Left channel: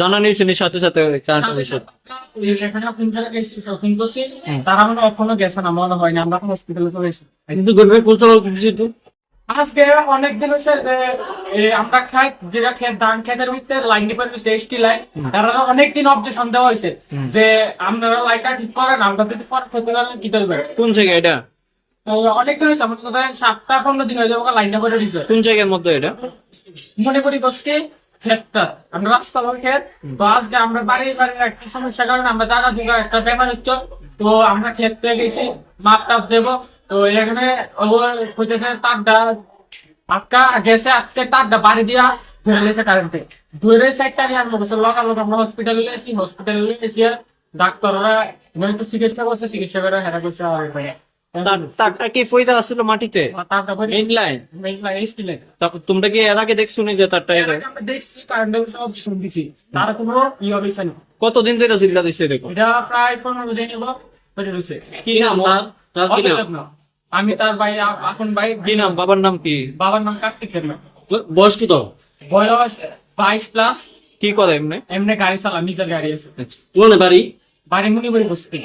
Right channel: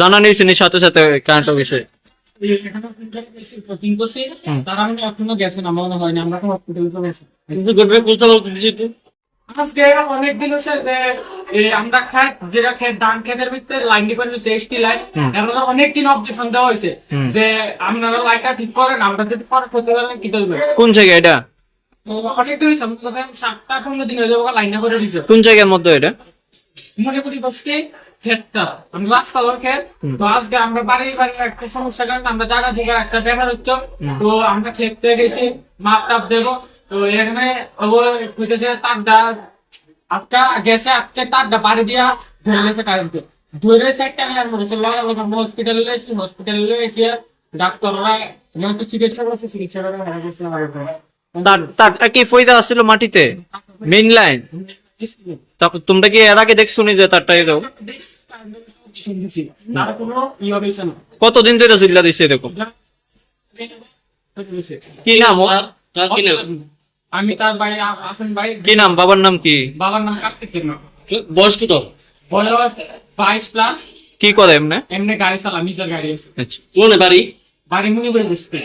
জানা নেই শুনি সাথে সাথে কারেন্ট অফিসে জায়গায় শপিং তারা মনে এখনও গেছে না মনে হয় না আমরা তো হসপিটালে চলে এসেছি। কিন্তু গর্বে বলতে পারব কিছু তো আজকে অনেক দিন হচ্ছে যে আমরা খাই যেটা খেয়ে ধান খেতের ভিতরে লাইন ডিপার্টমেন্ট এসটি লাইন এরা অনেক দিন অবজেকশন দেওয়া হয়েছে যে আপনারা লাইনটা ঠিক করেন আমরা যদি পরে খেতে পারেন কি করবেন কোন জায়গা এটা? অনেক দিন হয়েছে আমার কথা সাতটা পনেরো দিন হয়ে যাব লাইনটা করে দিছে কোন জায়গার মধ্যে এটা? মনে করি বসকে ক্ষেতটা আমরা রাস্তা লোক ক্ষেত তো আজকে আমরা বাড়ি বাড়ির একটা সমস্যার কারণে আমরা জায়গা জোগা একটা ব্যাপার হচ্ছে। তো আমরা ক্ষেত থেকে গেছি মাপ টাপ দেবো। তো এখানে ওই হইতেছে তারটা আটকা গেছে আটকে তারটা বাড়ি দিয়া ধরে লেছে কারেন্টে ধরে সাইডটা নিয়ে আমরা বসে লগা লোক আমরা হসপিটালে এসেছি হসপিটালে এসে ডাক্তাররা চিকিৎসা করছে চিকিৎসা করে হেরা করছে তারটা কি ফইদা আসছিল মাটিতে? মেইন লাইন তারপর তোমরা এর আগে দেখছ যে তারটা কতদিন ধরে হয়ে রয়েছে কি নাম। আমি তার ভাই ভাই। কি নাম? বাবার নাম কি? বাবার নাম কার্তিক বয়স কত? বয়স বাইশ প্লাস কি করে এমনি? এমনি গাড়ি চালা নিজের গাড়ি আছে। আচ্ছা। কোন বাড়ি? বাড়ি মুনি বলে বসতে